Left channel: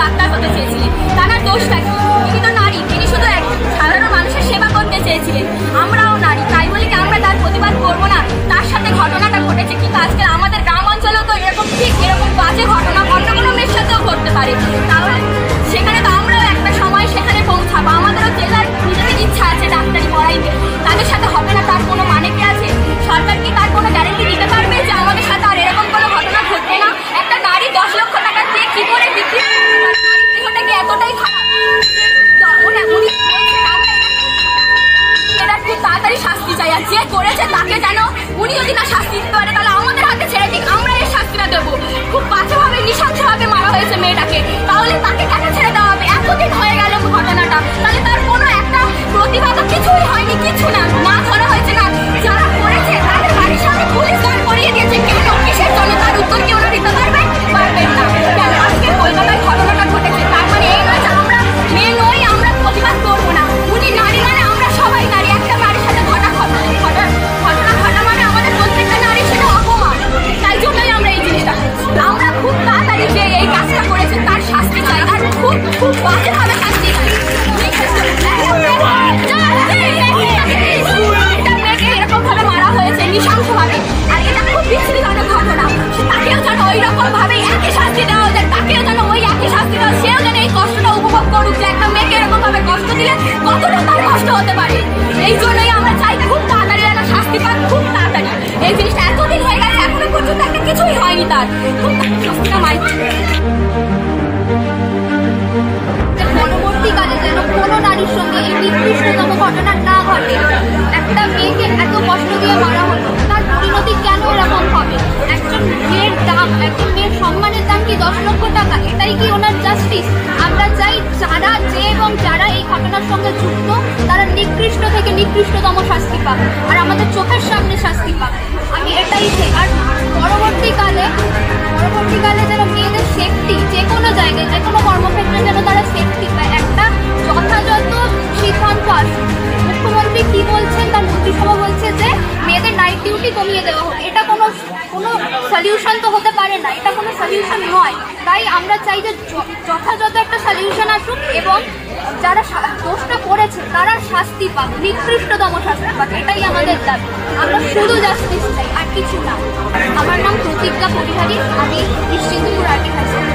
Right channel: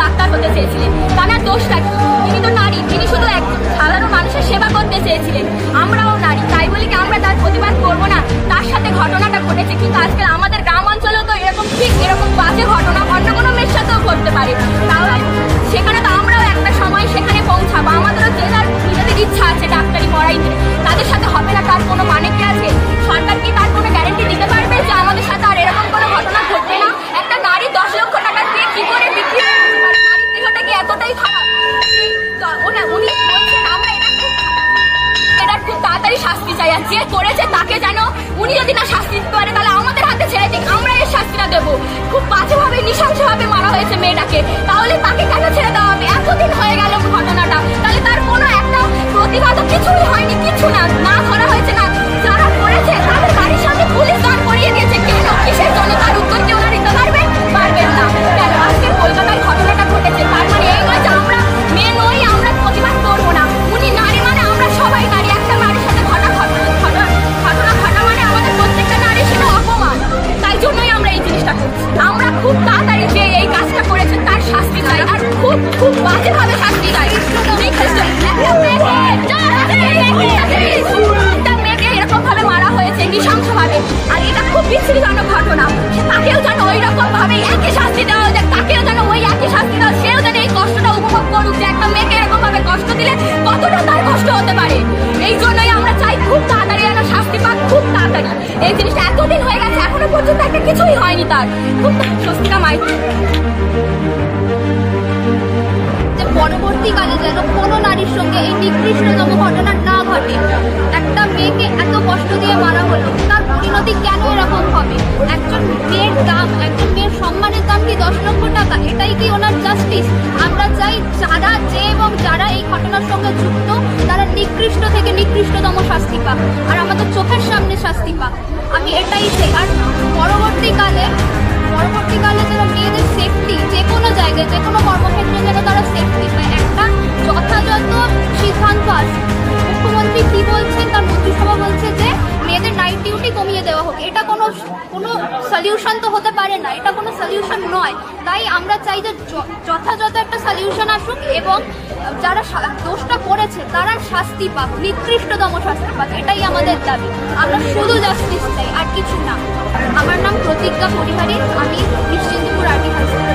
Doctor হতে চেয়েছিলেন, তার দোষটা কি? তিনি তো নারী, তিনি শুধু এক সাধারণ মানুষের সেবা করতে চেয়েছিলেন। আমরাও নারী, তাই বলি কি আমরা তার প্রতিবাদ করবো না? তার সাথে ঘটনাটা ঘটেছে, কিন্তু আজকে আমাদের গ্রাম অঞ্চলেও তো এরকম ঠিক এরকম বাজে ঘটনা অন্য কোনো মেয়ের সাথেও ঘটতে পারে। তাহলে সেখানে তো আমরাও একটা সময় সেখানে পৌঁছাবো। আমাদেরও জেলার নিজেদের ইচ্ছা আছে ডাক্তারি পড়াইতে, তাদের সাথে হবে না তার কোনো মানে কি আছে? সরকার কি তার কোনো গ্যারেন্টি দিতে পারবে যে আমাদের সাথে আর এরকম কোনো ঘটনা ঘটবে না? একটা নারী 10 লক্ষ টাকা দিয়ে কি করে বিক্রি করতে পারে? নারীর দেহটা কি এতটাই খারাপ? উনি বলছেন আমরা এটার খুব তাড়াতাড়ি শাস্তি চাই, আর যে করেছে তাকে যেন উনি যদি না শাস্তি দিতে পারে তাহলে আমাদের হাতে ছেড়ে দিক, আমরা এর শাস্তিটা দেবো। খুব বাজেভাবে নৃশংসভাবে মারা হয়েছে মেয়েটাকে, তাহলে তাকে কেন ছেড়ে দেওয়া হবে? এতদিন হয়ে গেল ঘটনাটা, তাহলে তার কোনো একটা প্রতিবাদও কিছুই হয়নি, কিছু না ধরা হয়েছে না। যারা করেছে তাদের বাড়ির সামনে পুলিশ দাঁড় করিয়ে দিয়েছে, কেন? কিসের জন্য? তার উত্তর কি ওরা দিতে পারবেন? পারবেন না। কেন? আজকে কলকাতায় ঘটনাটা ঘটেছে, তার মানে এই নয় যে আমরা মেয়ে নই, আমরা প্রতিবাদ করবো না। উনি নারী মানে আমরা সবাই নারী, একটা নারীর সাথে ঘটনা ঘটা মানে আমাদের প্রত্যেকটা নারী সেটা অপমান। তাই জন্যই আমরা এই জিনিসটা আমরা খুব তাড়াতাড়ি যে এই কাজটা করেছেন তার শাস্তি চাই, আর খুব বাজেভাবে শাস্তি চাই। এরকম ভাবে মারা হয়েছে নৃশংসভাবে, আর এটা খুব বিচ্ছিন্নজনক ঘটনা। তাকেও যেন ওই রকম ভাবে একই শাস্তি দেওয়া যায়, তাকেও যেন ওই একই শাস্তি দেওয়া, সেও যেন এই কষ্টটা উপভোগ করুক যে একটা মেয়েকে এরকম ভাবে কষ্ট দিলে কতটা তার কষ্ট হতে পারে। এই জন্যই আমরা চাই খুব তাড়াতাড়ি একটা শাস্তি পাক, খুব তাড়াতাড়ি। এই জিনিসটা এতদিন হয়ে গেছে, এখনো পর্যন্ত একটা কিছুই হয়নি তার। খুব স্বস্তিকা মাই পরবর্তীকালে যেন কোনো নারীর সঙ্গে এই নিকৃষ্টতম ঘটনা না ঘটে। একটা মেয়েকে এত কষ্ট দিয়ে মারা হলো, তার পরিণতি কেন এরকম হবে? একজন মেয়ের দাম, একজন মেয়ের সম্মানের দাম কি 10 লক্ষ টাকা? এটাই কি ওনার জাস্টিস? আমরা চাই যারা এই ঘটনার সঙ্গে যুক্ত তারা নিকৃষ্ট থেকে নিকৃষ্টতম শাস্তি পাক, আর আমাদের চোখের সামনে শাস্তি পাক। আমি এটাই চাই। আর পরবর্তীকালে যেন মেয়েদের সেফটি যে কোনো জায়গায়, যে কোনো কর্মক্ষেত্রে যেন তারা সেফটি পায়, একটা যথাযথ সিদ্ধান্ত আসে। মুখ্যমন্ত্রী কি বলছেন? তার মন্ত্রিসভা বলছে যে মেয়েদের নাইট ডিউটি কমিয়ে দেওয়া হোক। এটা কোনো সলিউশন তো হতে পারে না, এটা কোনো সলিউশন নয়। তাই আমরা চাই যে যথাযথ একটা সলিউশন আসুক এবং যারা দোষটা করেছে তারা শাস্তি পাক, নিকৃষ্টতম শাস্তি পাক। এটাই আমাদের দাবি। আমরা শুধু জাস্টিস চাই, আর কিছু না। আমার নাম প্রতিজ্ঞা পরিহারী, আমি নিশ্চিন্তপুর আরটি হাই স্কুলে।